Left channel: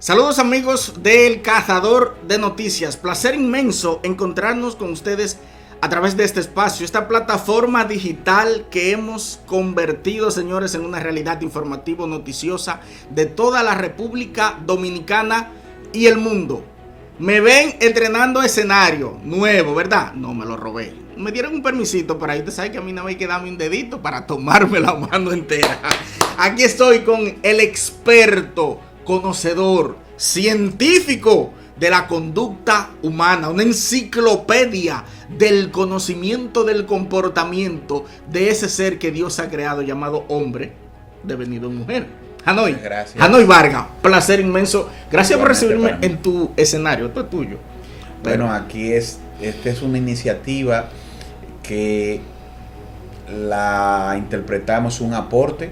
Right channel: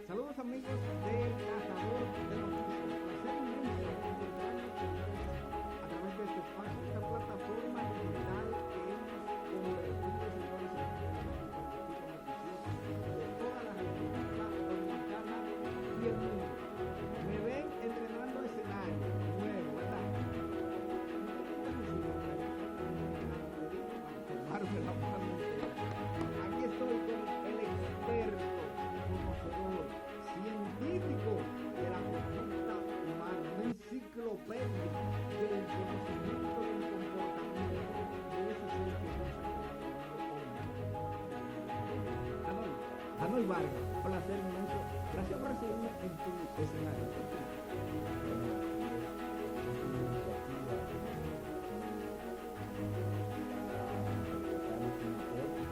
Saludos amigos del Cazador de Noticias, placer inmenso encontrarnos con ustedes a través de este espacio, esta plataforma digital que hemos convertido, señores, en una realidad informativa noticiosa de toda la República Dominicana y el mundo. Me ven entrenando escenario nuevo, ¿verdad? No me lo robé. Me dieron un permisito para ir. Ustedes saben que a mí no hay que darme un dedito para tomarme la mano entera. Aquí estoy con el experto, conocedor, científico de la conducta humana, una enciclopedia del conocimiento del comportamiento de ese ser que Dios ha creado llamado hombre, devenido en mujer. Hanoy, gracias. Hanoy Vargas, placer inmenso. Gracias por recibirme en tu escenario, esto es tuyo. Bueno, aquí esta es una iniciativa que la interpretamos un aporte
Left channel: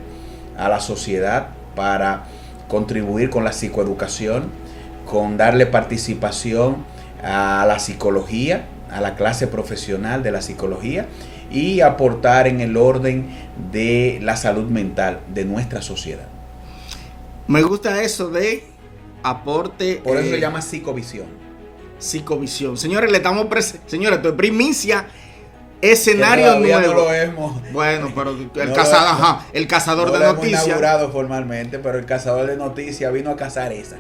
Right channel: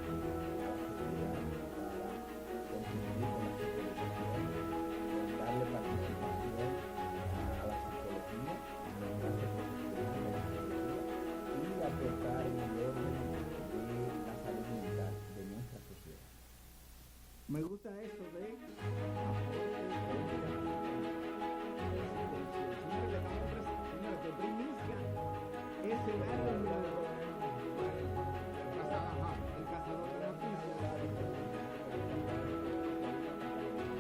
a la sociedad para contribuir con la psicoeducación, con darle participación a la psicología, a la clase profesional de la psicología y aportar en el orden de la salud mental de nuestra sociedad. Me gusta eso de aporte. Por eso se llama psicovisión. Psicovisión. Señores, le estamos señores, esto es primicia. Escenario nuevo. No lo hemos. Bueno, pero el cazador de noticias. No lo hemos inaugurado formalmente, pero el cazador de noticias vino a cazar esa.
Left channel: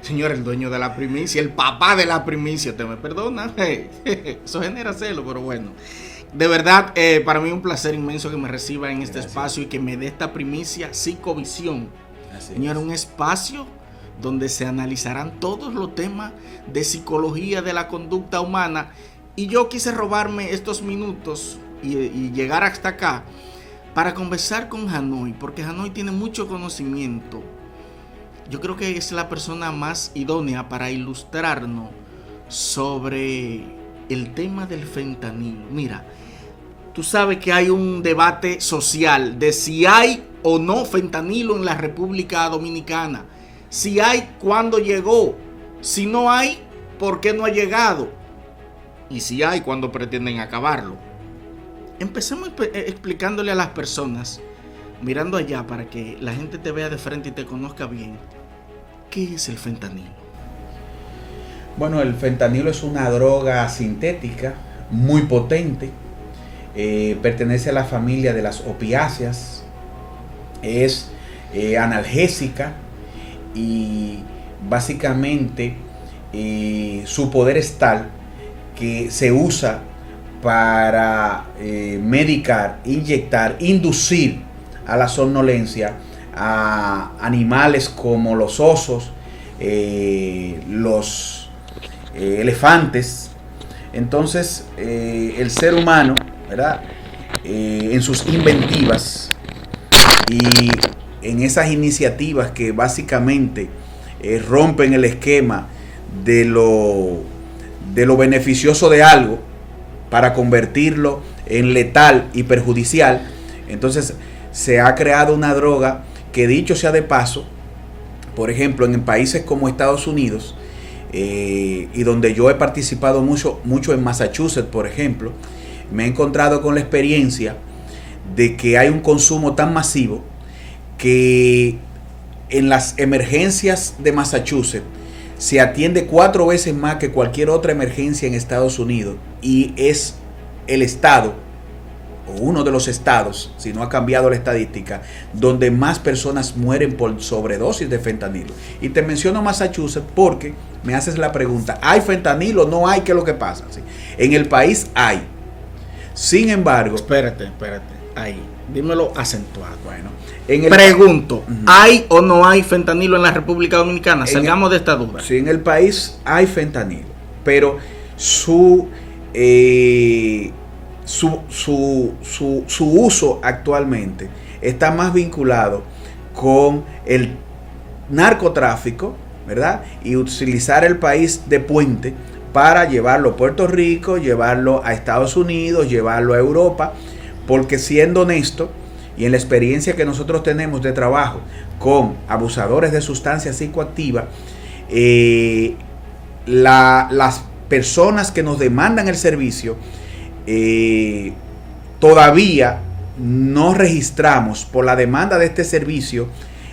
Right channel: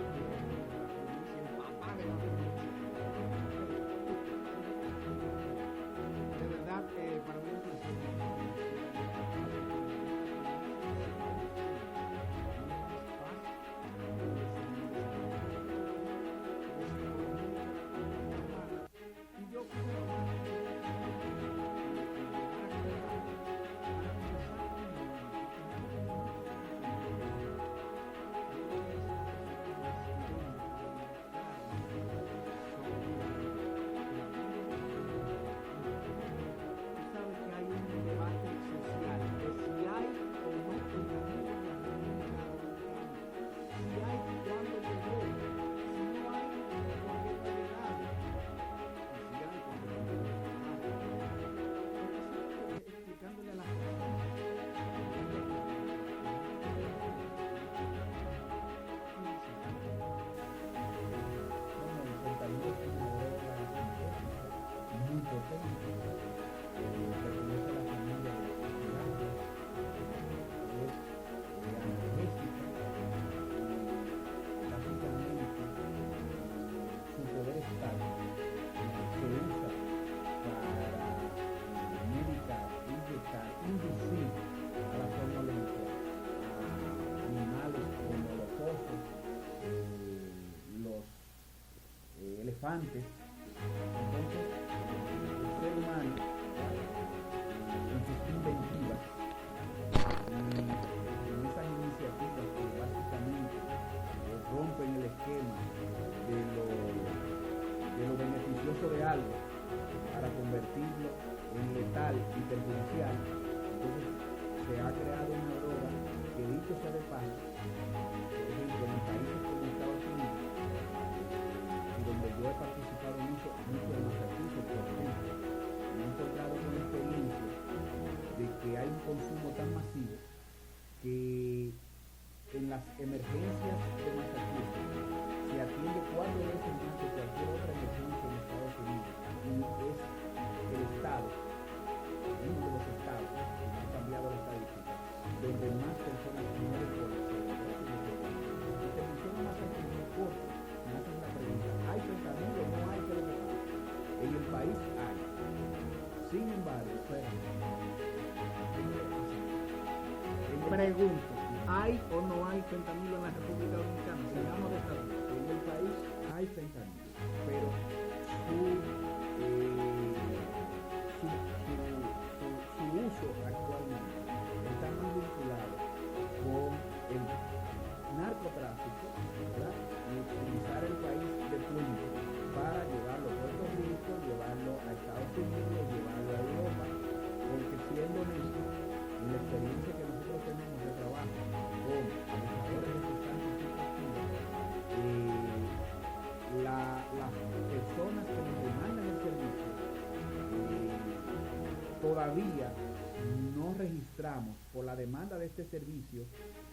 Señor, el dueño de la primicia, el papá de la primicia, te me perdona. Eso genera celo, pero bueno. De verdad, para mí es un placer inmenso que me reciba en este espacio y que me dé esta primicia Psicovisión. Señor, un espacio donde se analizarán todos los temas de psicología de la conducta humana. Y yo quise robarme estos minutos y llegar hasta acá para conversar con Hanoy, porque Hanoy tiene mucho conocimiento. Yo creo que es la persona más idónea para ilustrarnos sobre el tema del fentanilo. Mira, tú sabes que hay un debate social de si hay o no fentanilo en la República Dominicana. Si hay, ¿cuándo llegó? Si no hay, ¿por qué no ha llegado? Y si hay, ¿cuándo pretenden acabarlo? Empecemos explicándole a las personas, mirando allá para que la gente te vea de frente y te conozca bien. ¿Qué es el fentanilo? Bueno, el fentanilo es una droga sintética muy potente. Pertenece a la familia de las opiáceas. Es analgésica y básicamente su poder es tal que se usa para medicar, inyectar, inducir a la somnolencia a animales como los osos, los elefantes. Entonces el ser humano, ¿verdad? En sus inventivas y en esas iniciativas que básicamente rompen el esquema de lo beneficioso de algo para convertirlo en letal y perjudicial, entonces se ha creado una droga que, dicho sea de paso, por ejemplo, en países como Estados Unidos, y donde yo he participado mucho en Massachusetts, por ejemplo, me he encontrado con la experiencia de que hay un consumo tan masivo que en las emergencias de Massachusetts se atiende 4 veces más que cualquier otra emergencia en Estados Unidos, y es el estado o uno de los estados, si no ha cambiado la estadística, donde más personas mueren por sobredosis de fentanilo. Y te menciono Massachusetts porque me haces la pregunta: ¿hay fentanilo? ¿No hay? ¿Qué es lo que pasa? ¿Sí? En el país hay. Sin embargo... Espérate. Ahí. Dímelo acentuado. Bueno. Pregunto, ¿hay o no hay fentanilo en la República Dominicana? Salgamos de esta duda. Sí, en el país hay fentanilo, pero su uso actualmente está más vinculado con el narcotráfico, ¿verdad? Y utilizar el país de puente para llevarlo a Puerto Rico, llevarlo a Estados Unidos, llevarlo a Europa, porque, siendo honesto, y en la experiencia que nosotros tenemos de trabajo con abusadores de sustancias psicoactivas, las personas que nos demandan el servicio, todavía no registramos por la demanda de este servicio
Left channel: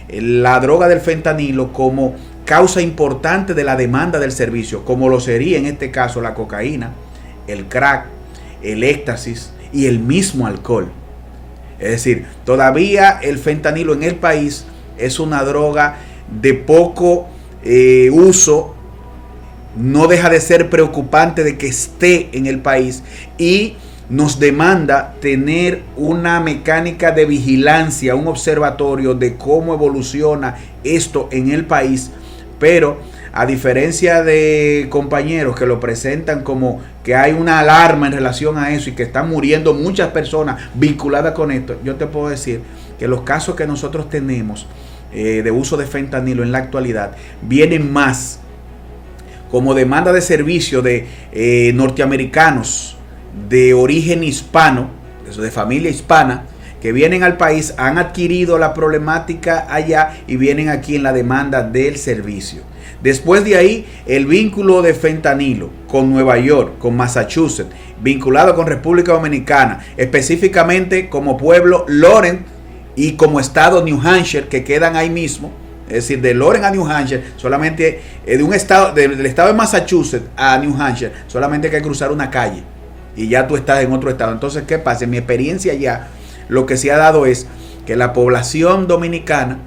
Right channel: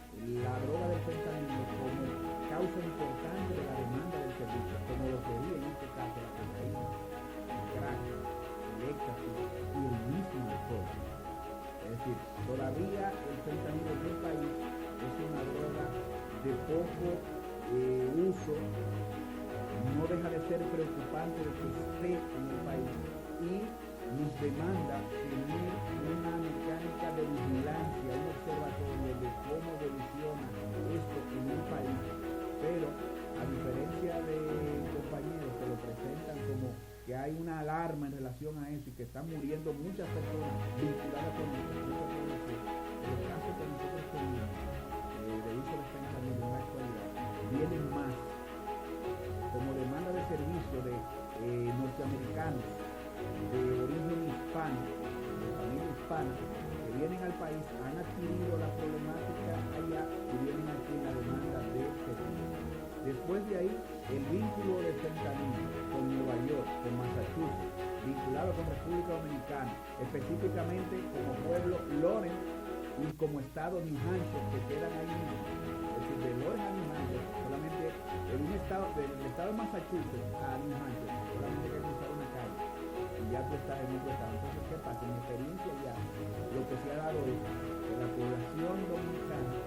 la droga del fentanilo como causa importante de la demanda del servicio, como lo sería en este caso la cocaína, el crack, el éxtasis y el mismo alcohol. Es decir, todavía el fentanilo en el país es una droga de poco uso. No deja de ser preocupante de que esté en el país y nos demanda tener una mecánica de vigilancia, un observatorio de cómo evoluciona esto en el país. Pero a diferencia de compañeros que lo presentan como que hay una alarma en relación a eso y que están muriendo muchas personas vinculadas con esto, yo te puedo decir que los casos que nosotros tenemos de uso de fentanilo en la actualidad vienen más como demanda de servicio de norteamericanos de origen hispano, de familia hispana, que vienen al país, han adquirido la problemática allá y vienen aquí en la demanda del servicio. Después de ahí, el vínculo de fentanilo con Nueva York, con Massachusetts, vinculado con República Dominicana, específicamente como pueblo Lawrence y como estado New Hampshire, que quedan ahí mismo. Es decir, de Lawrence a New Hampshire, solamente de un estado, del estado de Massachusetts a New Hampshire, solamente hay que cruzar una calle y ya tú estás en otro estado. Entonces, ¿qué pasa? En mi experiencia ya, lo que se ha dado es que la población dominicana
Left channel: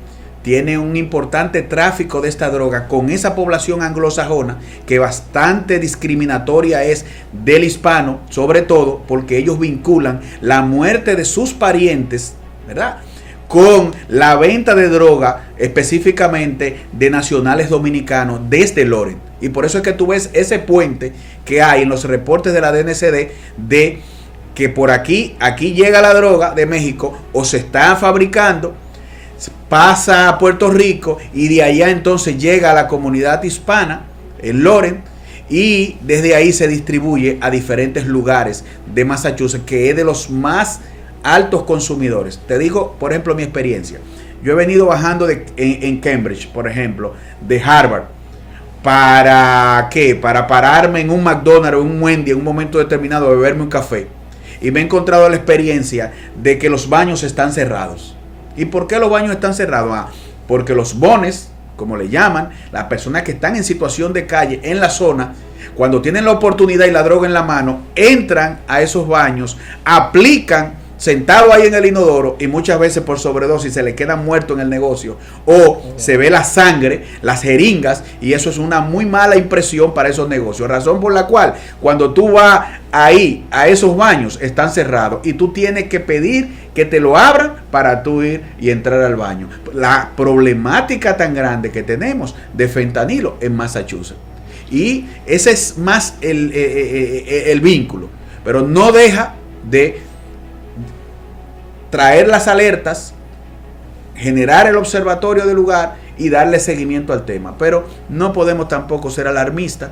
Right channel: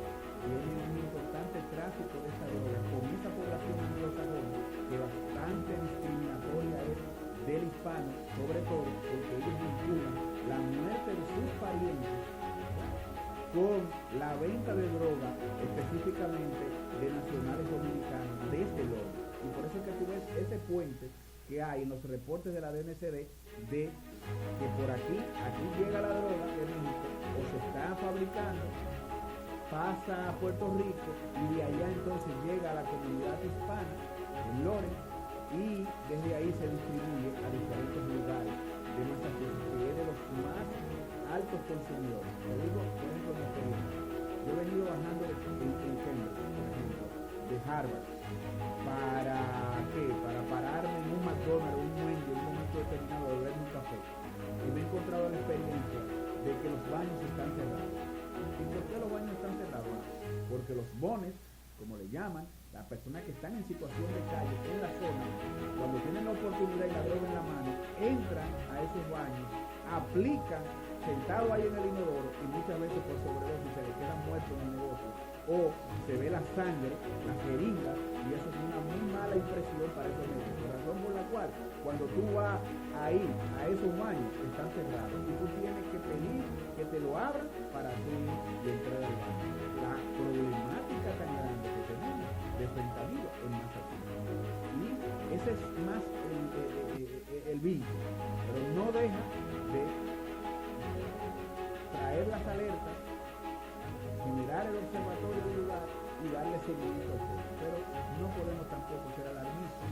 tiene un importante tráfico de esta droga con esa población anglosajona, que bastante discriminatoria es del hispano, sobre todo porque ellos vinculan la muerte de sus parientes, ¿verdad?, con la venta de droga específicamente de nacionales dominicanos desde Lawrence. Y por eso es que tú ves ese puente que hay en los reportes de la DNCD de que por aquí llega la droga de México o se está fabricando, pasa a Puerto Rico y de allá entonces llega a la comunidad hispana en Lawrence y desde ahí se distribuye a diferentes lugares de Massachusetts, que es de los más altos consumidores. Te digo, por ejemplo, mi experiencia. Yo he venido bajando en Cambridge, por ejemplo, de Harvard. ¿Para qué? Para pararme en un McDonald's o un Wendy en un momento determinado a beberme un café. Y me he encontrado la experiencia de que los baños están cerrados. ¿Y por qué los baños están cerrados? Porque los bones, como le llaman, las personas que están en situación de calle en la zona, cuando tienen la oportunidad y la droga en la mano, entran a esos baños, aplican sentado ahí en el inodoro y muchas veces por sobredosis se le queda muerto en el negocio o se ve la sangre, las jeringas, y eso es una muy mala impresión para esos negocios, razón por la cual cuando tú vas ahí a esos baños están cerrados y tú tienes que pedir que te lo abran para tú ir y entrar al baño. La problemática tan grande que tenemos de fentanilo en Massachusetts, y ese es más el vínculo, pero no deja de traer las alertas, generar el observatorio del lugar y darle seguimiento al tema. Pero no podemos tampoco ser alarmistas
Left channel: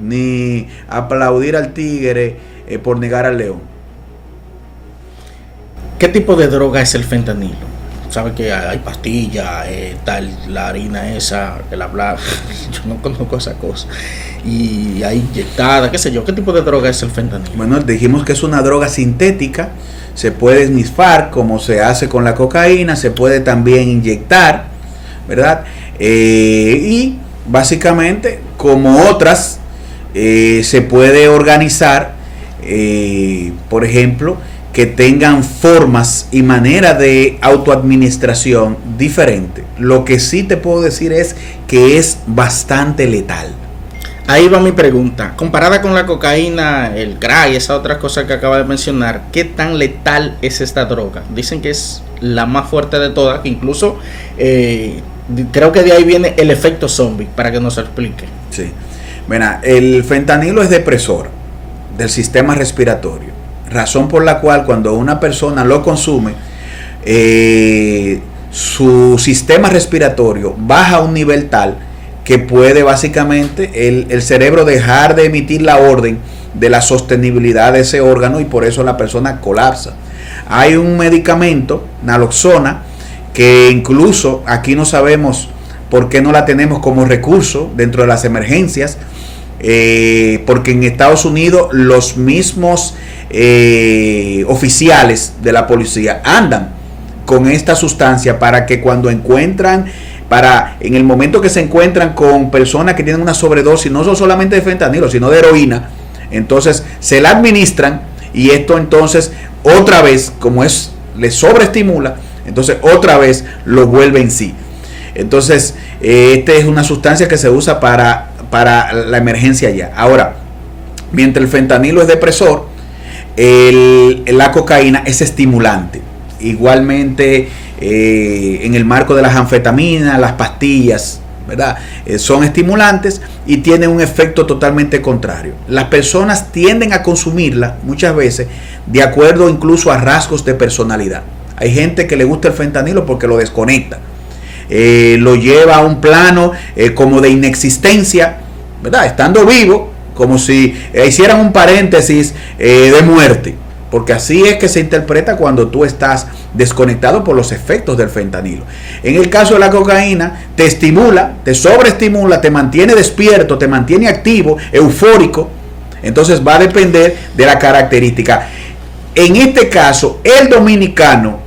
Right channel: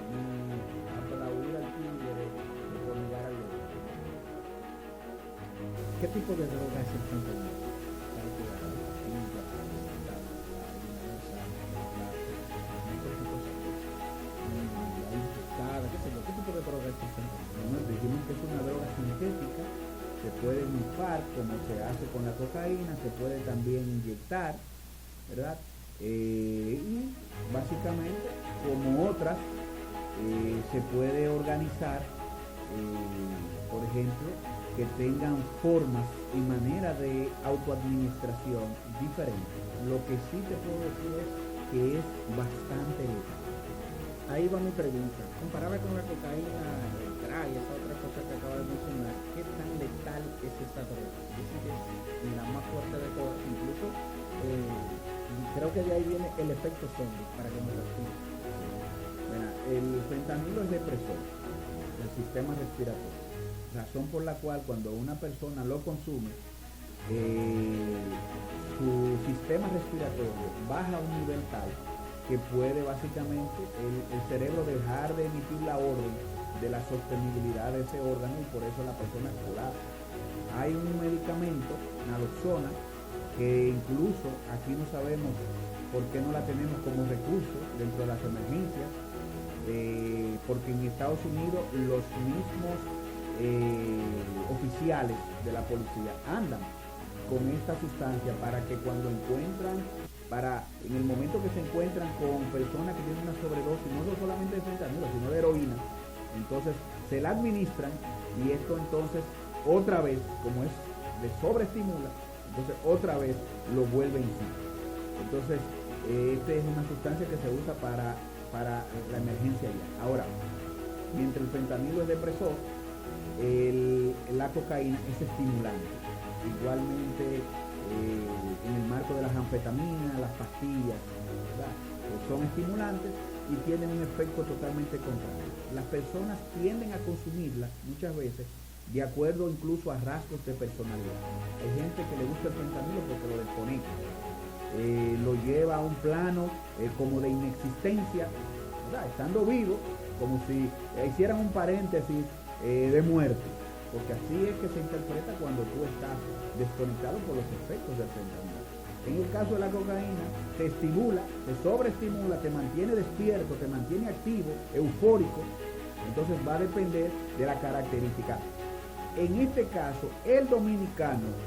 ni aplaudir al tigre por negar al león. ¿Qué tipo de droga es el fentanilo? ¿Sabe que hay pastillas, tal, la harina esa, el hablar? Yo no conozco esa cosa. Y hay inyectada, qué sé yo. ¿Qué tipo de droga es el fentanilo? Bueno, dijimos que es una droga sintética. Se puede esnifar como se hace con la cocaína, se puede también inyectar, ¿verdad? Y básicamente, como otras, se puede organizar, por ejemplo, que tengan formas y manera de autoadministración diferente. Lo que sí te puedo decir es que es bastante letal. Ahí va mi pregunta. Comparada con la cocaína, el crack y esa otra cosa que acaba de mencionar, ¿qué tan letal es esta droga? Dicen que es la más fuerte de todas, que incluso creo que de ahí viene el efecto zombie, para que nos explique. Sí. Bueno, el fentanilo es depresor del sistema respiratorio, razón por la cual cuando una persona lo consume, su sistema respiratorio baja a un nivel tal que puede básicamente el cerebro dejar de emitir la orden de la sostenibilidad de ese órgano y por eso la persona colapsa. Hay un medicamento, naloxona, que incluso aquí no sabemos por qué no la tenemos como recurso dentro de las emergencias, porque en Estados Unidos los mismos oficiales de la policía andan con esta sustancia para que cuando encuentran para en el momento que se encuentran con personas que tienen una sobredosis, no solamente de fentanilo, sino de heroína, entonces se la administran y esto entonces otra vez, como es, le sobreestimula, entonces otra vez lo vuelve en sí. Entonces, esta es una sustancia que se usa para la emergencia ya. Ahora, mientras el fentanilo es depresor, la cocaína es estimulante. Igualmente, en el marco de las anfetaminas, las pastillas, ¿verdad? Son estimulantes y tienen un efecto totalmente contrario. Las personas tienden a consumirla muchas veces de acuerdo incluso a rasgos de personalidad. Hay gente que le gusta el fentanilo porque lo desconecta. Lo lleva a un plano como de inexistencia, ¿verdad? Estando vivo, como si hicieran un paréntesis de muerte, porque así es que se interpreta cuando tú estás desconectado por los efectos del fentanilo. En el caso de la cocaína, te estimula, te sobreestimula, te mantiene despierto, te mantiene activo, eufórico. Entonces va a depender de la característica. En este caso, el dominicano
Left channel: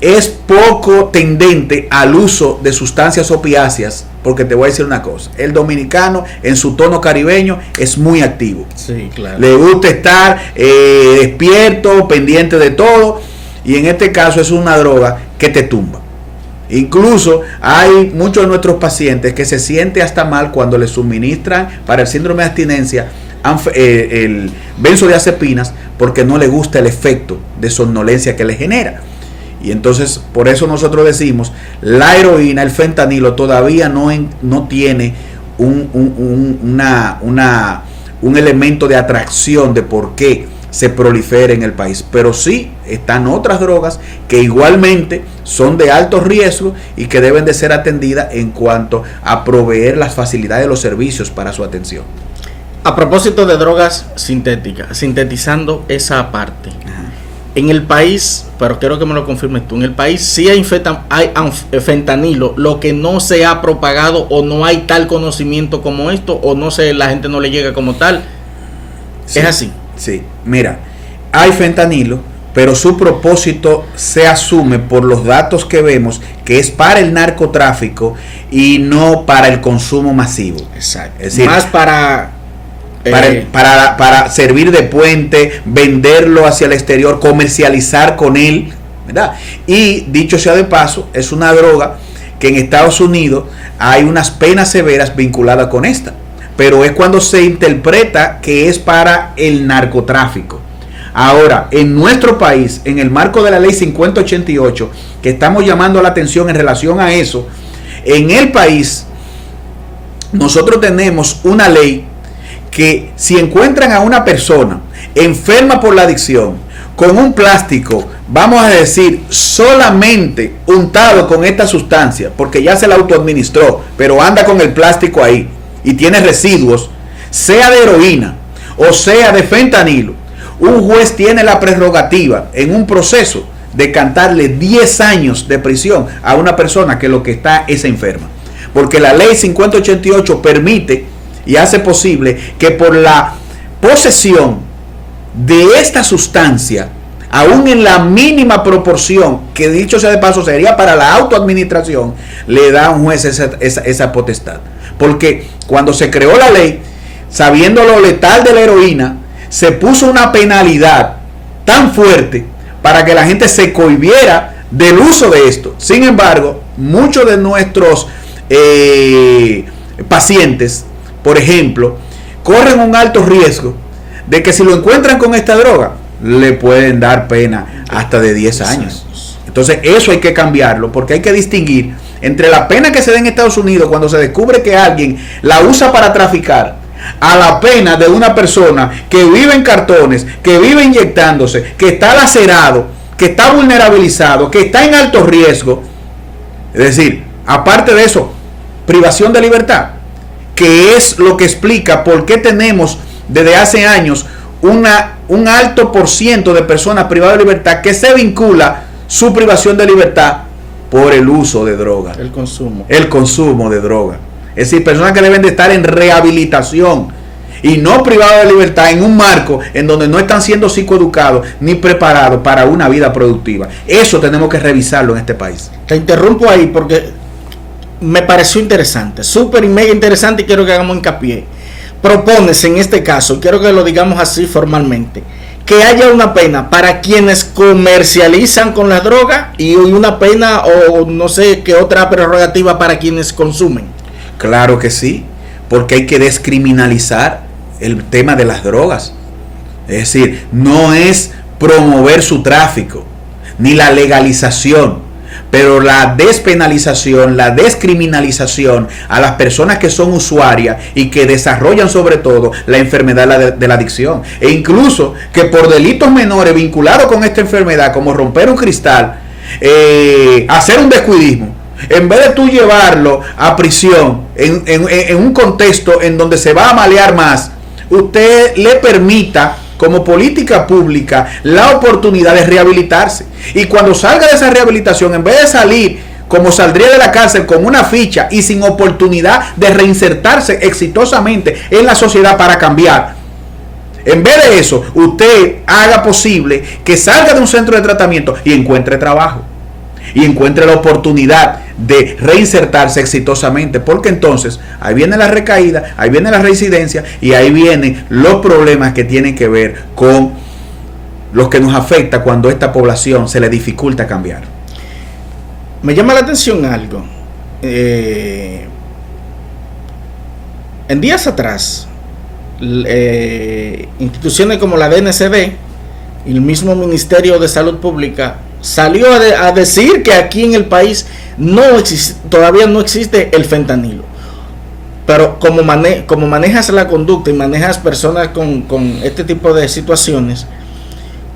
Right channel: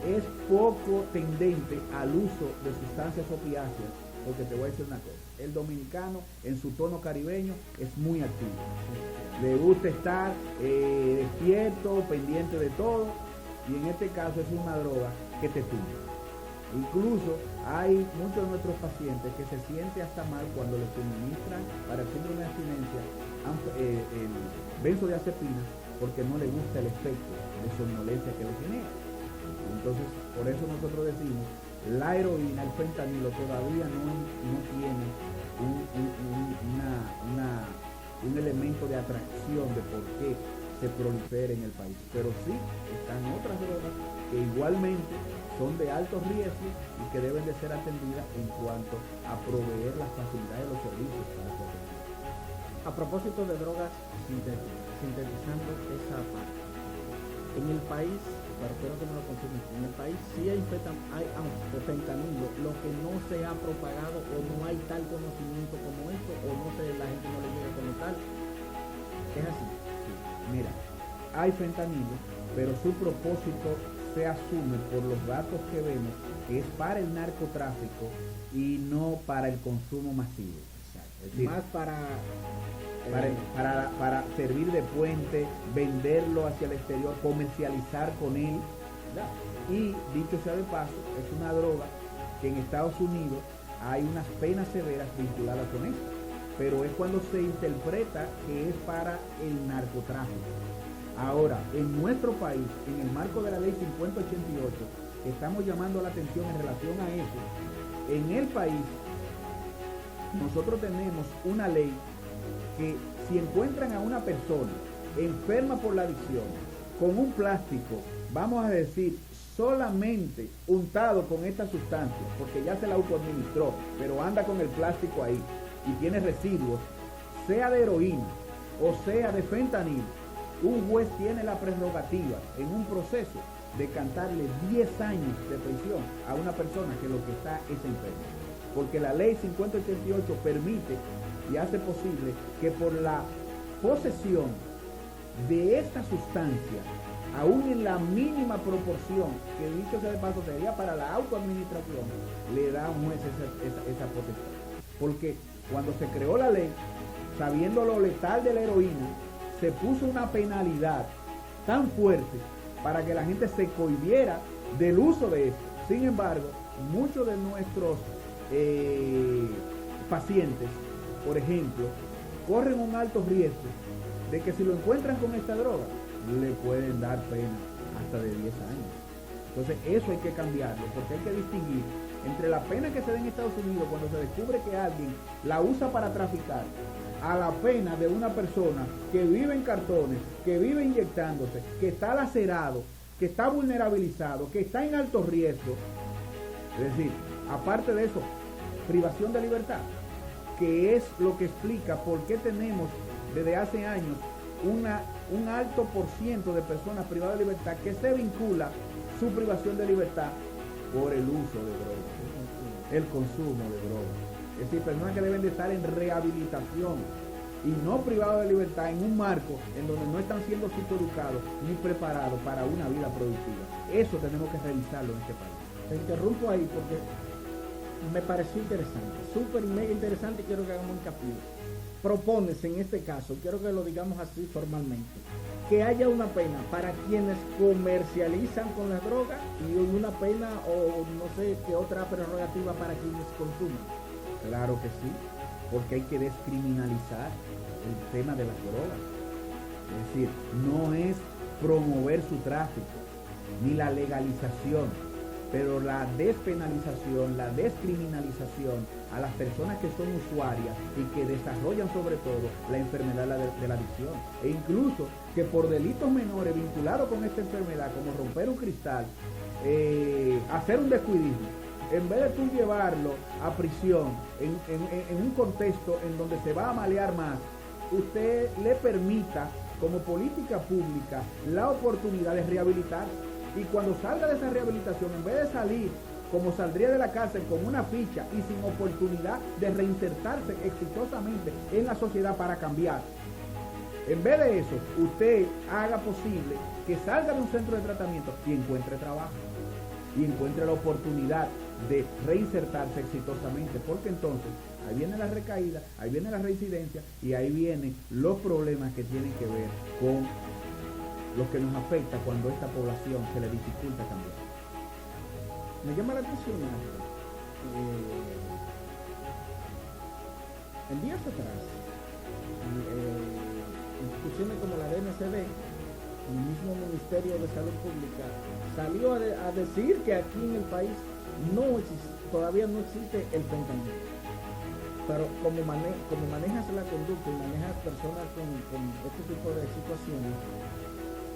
es poco tendente al uso de sustancias opiáceas, porque te voy a decir una cosa, el dominicano en su tono caribeño es muy activo. Sí, claro. Le gusta estar despierto, pendiente de todo, y en este caso es una droga que te tumba. Incluso hay muchos de nuestros pacientes que se sienten hasta mal cuando les suministran para el síndrome de abstinencia el benzodiazepinas, porque no le gusta el efecto de somnolencia que le genera. Y entonces, por eso nosotros decimos, la heroína, el fentanilo todavía no tiene un elemento de atracción de por qué se prolifera en el país. Pero sí están otras drogas que igualmente son de alto riesgo y que deben de ser atendidas en cuanto a proveer las facilidades de los servicios para su atención. A propósito de drogas sintéticas, sintetizando esa parte. En el país, pero quiero que me lo confirmes tú, en el país sí hay fentanilo, lo que no se ha propagado o no hay tal conocimiento como esto, o no sé, la gente no le llega como tal. Sí, es así. Sí, mira, hay fentanilo, pero su propósito se asume por los datos que vemos que es para el narcotráfico y no para el consumo masivo. Exacto. Es decir, más para servir de puente, venderlo hacia el exterior, comercializar con él, ¿verdad? Y dicho sea de paso, es una droga que en Estados Unidos hay unas penas severas vinculadas con esta, pero es cuando se interpreta que es para el narcotráfico. Ahora, en nuestro país, en el marco de la ley 5088, que estamos llamando la atención en relación a eso, en el país nosotros tenemos una ley que si encuentran a una persona enferma por la adicción con un plástico, vamos a decir, solamente untado con esta sustancia, porque ya se la autoadministró, pero anda con el plástico ahí y tiene residuos, sea de heroína o sea de fentanilo, un juez tiene la prerrogativa en un proceso de cantarle 10 años de prisión a una persona que lo que está es enferma, porque la ley 5088 permite y hace posible que por la posesión de esta sustancia, aún en la mínima proporción, que dicho sea de paso sería para la autoadministración, le da a un juez esa potestad. Porque cuando se creó la ley, sabiendo lo letal de la heroína, se puso una penalidad tan fuerte para que la gente se cohibiera del uso de esto. Sin embargo, muchos de nuestros pacientes, por ejemplo, corren un alto riesgo de que si lo encuentran con esta droga, le pueden dar pena hasta de 10 años. Entonces eso hay que cambiarlo, porque hay que distinguir entre la pena que se da en Estados Unidos cuando se descubre que alguien la usa para traficar, a la pena de una persona que vive en cartones, que vive inyectándose, que está lacerado, que está vulnerabilizado, que está en alto riesgo. Es decir, aparte de eso, privación de libertad, que es lo que explica por qué tenemos desde hace años un alto por ciento de personas privadas de libertad que se vincula su privación de libertad por el uso de droga. El consumo de droga. Es decir, personas que deben de estar en rehabilitación y no privadas de libertad en un marco en donde no están siendo psicoeducados ni preparados para una vida productiva. Eso tenemos que revisarlo en este país. Te interrumpo ahí porque me pareció interesante, súper y mega interesante, y quiero que hagamos hincapié. Propones en este caso, quiero que lo digamos así formalmente, que haya una pena para quienes comercializan con la droga y una pena o no sé qué otra prerrogativa para quienes consumen. Claro que sí, porque hay que descriminalizar el tema de las drogas. Es decir, no es promover su tráfico, ni la legalización, pero la despenalización, la descriminalización a las personas que son usuarias y que desarrollan sobre todo la enfermedad de la adicción. E incluso que por delitos menores vinculados con esta enfermedad, como romper un cristal, hacer un descuidismo, en vez de tú llevarlo a prisión en un contexto en donde se va a malear más, usted le permita como política pública la oportunidad de rehabilitarse, y cuando salga de esa rehabilitación, en vez de salir como saldría de la cárcel con una ficha y sin oportunidad de reinsertarse exitosamente en la sociedad para cambiar, en vez de eso usted haga posible que salga de un centro de tratamiento y encuentre trabajo y encuentre la oportunidad de reinsertarse exitosamente, porque entonces ahí viene la recaída, ahí viene la reincidencia y ahí vienen los problemas que tienen que ver con los que nos afecta cuando a esta población se le dificulta cambiar. Me llama la atención algo. En días atrás, instituciones como la DNCD y el mismo Ministerio de Salud Pública salió a decir que aquí en el país todavía no existe el fentanilo. Pero como manejas la conducta y manejas personas con este tipo de situaciones,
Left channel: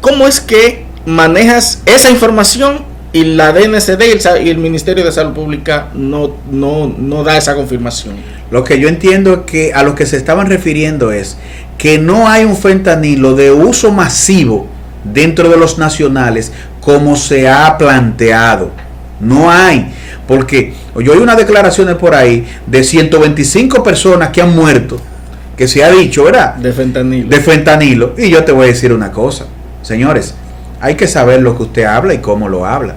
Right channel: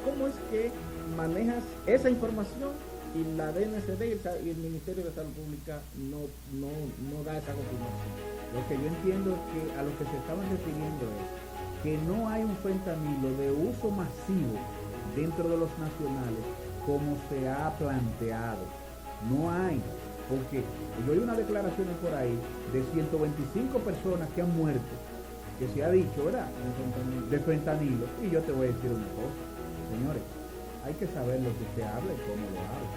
¿cómo es que manejas esa información y la DNCD y el Ministerio de Salud Pública no da esa confirmación? Lo que yo entiendo es que a lo que se estaban refiriendo es que no hay un fentanilo de uso masivo dentro de los nacionales como se ha planteado. No hay, porque yo oí unas declaraciones por ahí de 125 personas que han muerto, que se ha dicho, ¿verdad? De fentanilo. Y yo te voy a decir una cosa, señores, hay que saber lo que usted habla y cómo lo habla,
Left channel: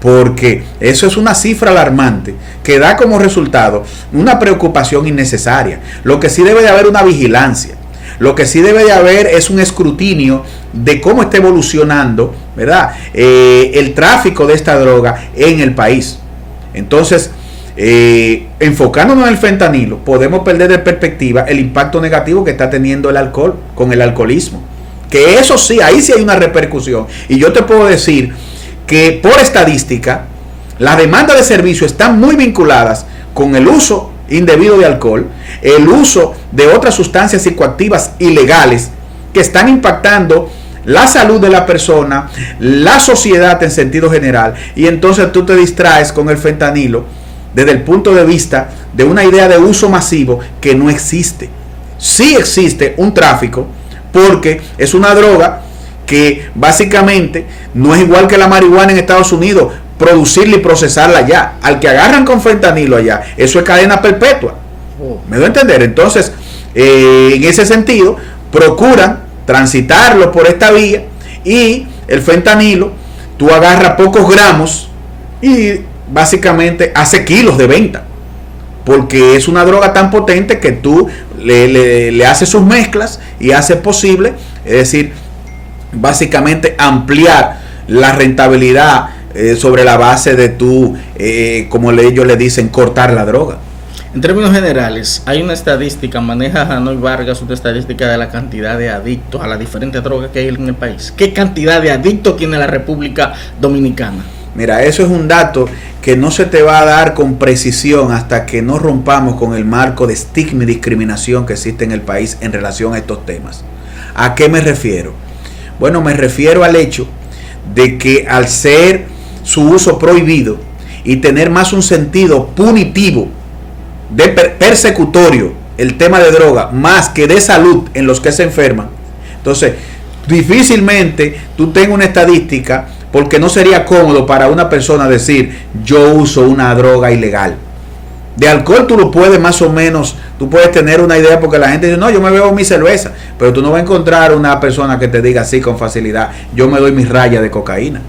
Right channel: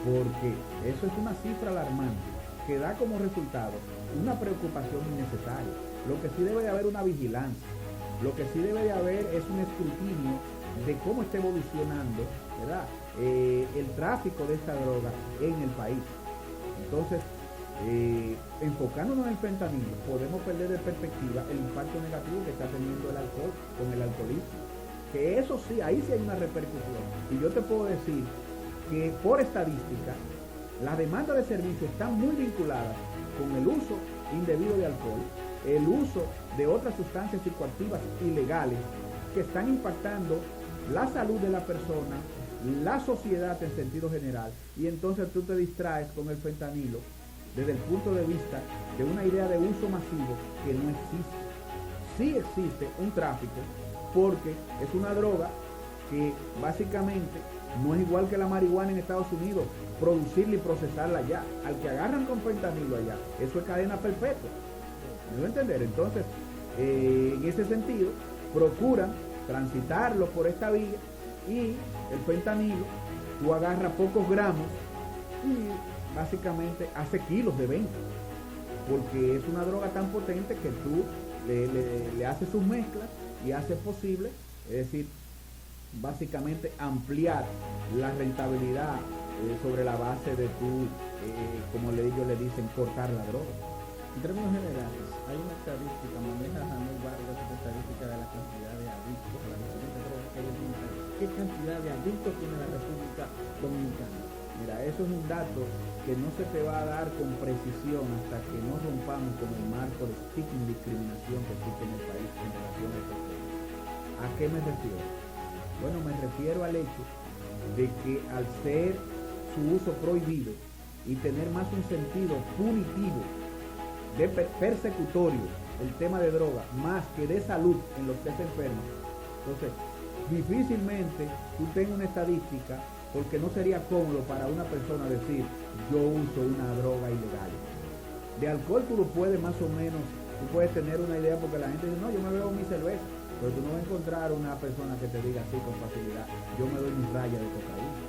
porque eso es una cifra alarmante que da como resultado una preocupación innecesaria. Lo que sí debe de haber una vigilancia. Lo que sí debe de haber es un escrutinio de cómo está evolucionando, ¿verdad? El tráfico de esta droga en el país. Entonces, enfocándonos en el fentanilo, podemos perder de perspectiva el impacto negativo que está teniendo el alcohol con el alcoholismo. Que eso sí, ahí sí hay una repercusión. Y yo te puedo decir que por estadística, las demandas de servicio están muy vinculadas con el uso indebido de alcohol, el uso de otras sustancias psicoactivas ilegales que están impactando la salud de la persona, la sociedad en sentido general, y entonces tú te distraes con el fentanilo desde el punto de vista de una idea de uso masivo que no existe. Sí existe un tráfico, porque es una droga que básicamente no es igual que la marihuana en Estados Unidos, producirla y procesarla allá. Al que agarran con fentanilo allá, eso es cadena perpetua. ¿Me doy a entender? Entonces, en ese sentido, procuran transitarlo por esta vía, y el fentanilo, tú agarras pocos gramos y básicamente hace kilos de venta, porque es una droga tan potente que tú le haces sus mezclas y hace posible, es decir, básicamente ampliar la rentabilidad sobre la base de tú, como ellos le dicen, cortar la droga. En términos generales, hay una estadística, maneja Janoy Vargas una estadística de la cantidad de adictos a las diferentes drogas que hay en el país. ¿Qué cantidad de adictos tiene la República Dominicana? Mira, eso es un dato que no se te va a dar con precisión hasta que no rompamos con el marco de estigma y discriminación que existe en el país en relación a estos temas. ¿A qué me refiero? Bueno, me refiero al hecho de que al ser su uso prohibido y tener más un sentido punitivo, de persecutorio, el tema de droga, más que de salud en los que se enferman, entonces difícilmente tú tengas una estadística, porque no sería cómodo para una persona decir yo uso una droga ilegal. De alcohol tú lo puedes más o menos, tú puedes tener una idea, porque la gente dice, no, yo me bebo mi cerveza, pero tú no vas a encontrar una persona que te diga así con facilidad, yo me doy mis rayas de cocaína.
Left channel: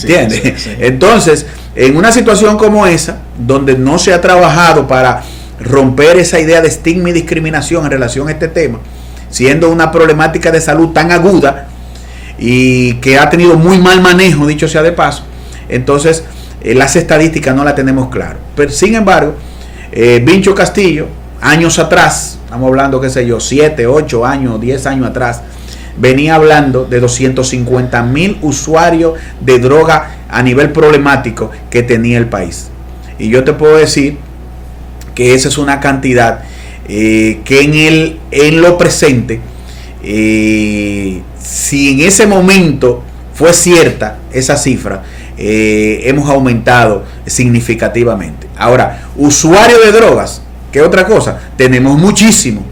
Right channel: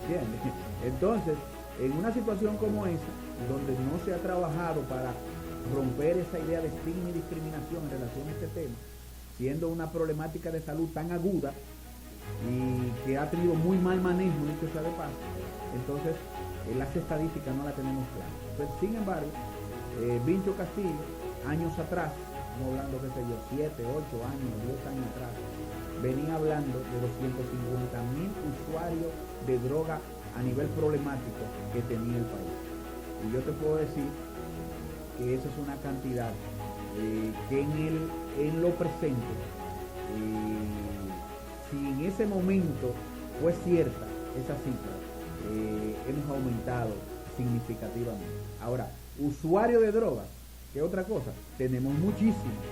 ¿Entiendes? Sí. Entonces, en una situación como esa, donde no se ha trabajado para romper esa idea de estigma y discriminación en relación a este tema, siendo una problemática de salud tan aguda y que ha tenido muy mal manejo, dicho sea de paso, entonces las estadísticas no las tenemos claro. Pero sin embargo, Vincho Castillo, años atrás, estamos hablando, qué sé yo, 7, 8 años, 10 años atrás, venía hablando de 250,000 usuarios de droga a nivel problemático que tenía el país. Y yo te puedo decir que esa es una cantidad que en lo presente, si en ese momento fue cierta esa cifra, hemos aumentado significativamente. Ahora, usuarios de drogas, ¿qué otra cosa? Tenemos muchísimos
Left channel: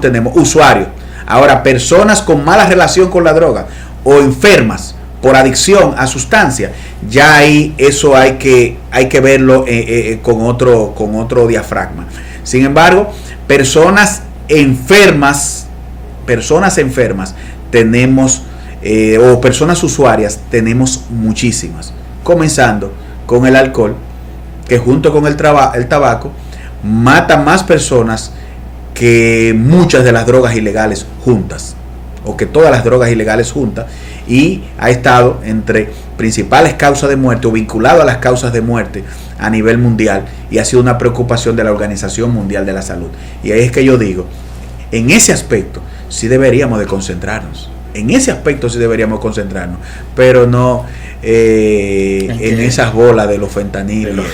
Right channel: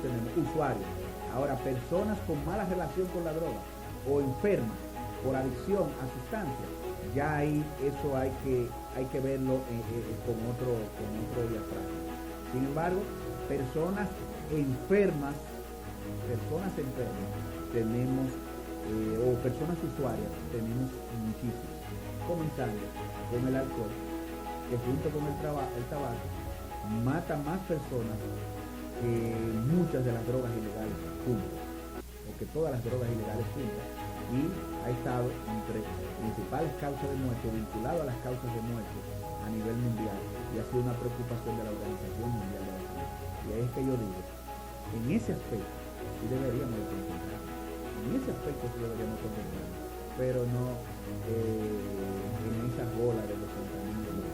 tenemos usuarios. Ahora, personas con mala relación con la droga o enfermas por adicción a sustancias, ya ahí eso hay que verlo con otro diafragma. Sin embargo, personas enfermas tenemos, o personas usuarias tenemos muchísimas, comenzando con el alcohol, que junto con el tabaco mata más personas que muchas de las drogas ilegales juntas, o que todas las drogas ilegales juntas, y ha estado entre principales causas de muerte o vinculado a las causas de muerte a nivel mundial, y ha sido una preocupación de la Organización Mundial de la Salud. Y ahí es que yo digo, en ese aspecto sí deberíamos de concentrarnos, pero no en esas bolas de los fentanilos.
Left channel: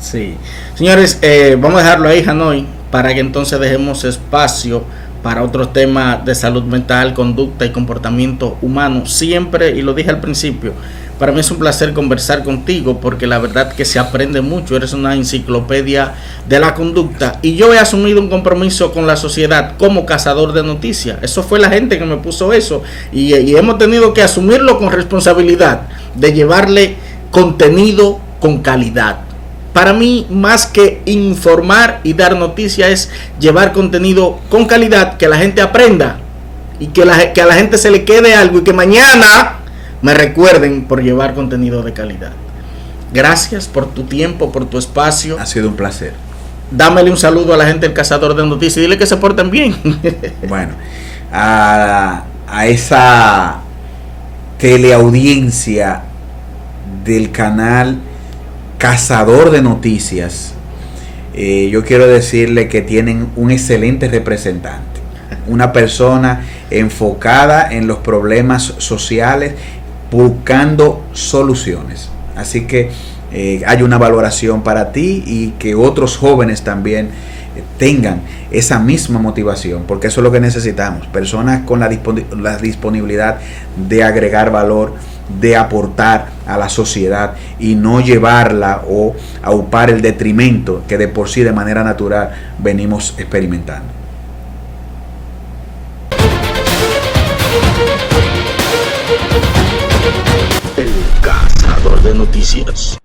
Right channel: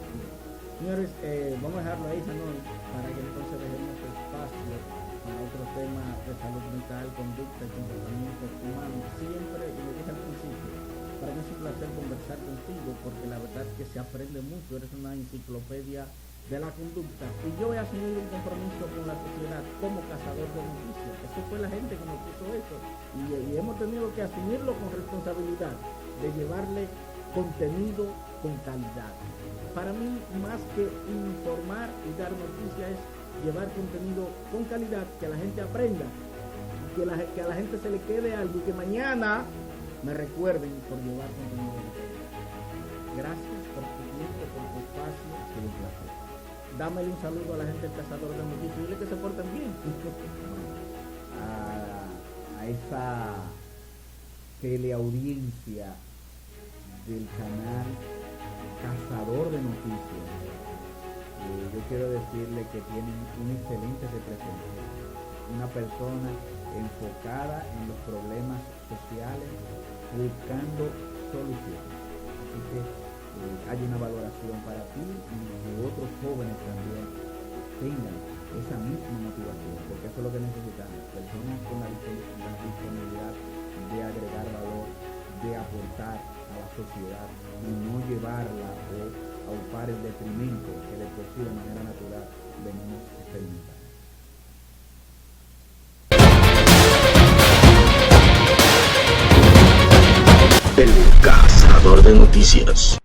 Sí, señores, vamos a dejarlo ahí, Hanoi, para que entonces dejemos espacio para otros temas de salud mental, conducta y comportamiento humano. Siempre, y lo dije al principio, para mí es un placer conversar contigo, porque la verdad que se aprende mucho. Eres una enciclopedia de la conducta, y yo he asumido un compromiso con la sociedad como cazador de noticias. Eso fue la gente que me puso eso, y hemos tenido que asumirlo con responsabilidad de llevarle contenido con calidad. Para mí, más que informar y dar noticias, es llevar contenido con calidad, que la gente aprenda y que a la gente se le quede algo, y que mañana me recuerden por llevar contenido de calidad. Gracias por tu tiempo, por tu espacio. Ha sido un placer. Dámele un saludo a la gente del Cazador de Noticias y dile que se porten bien. Bueno, a esa teleaudiencia del canal Cazador de Noticias, yo quiero decirle que tienen un excelente representante, una persona enfocada en los problemas sociales, buscando soluciones. Así que hay una valoración para ti, y que otros jóvenes también tengan esa misma motivación, porque eso es lo que necesitamos, personas con la disponibilidad de agregar valor, de aportar a la sociedad, y no llevarla o aupar el detrimento que de por sí de manera natural venimos experimentando. El Cazador de Noticias.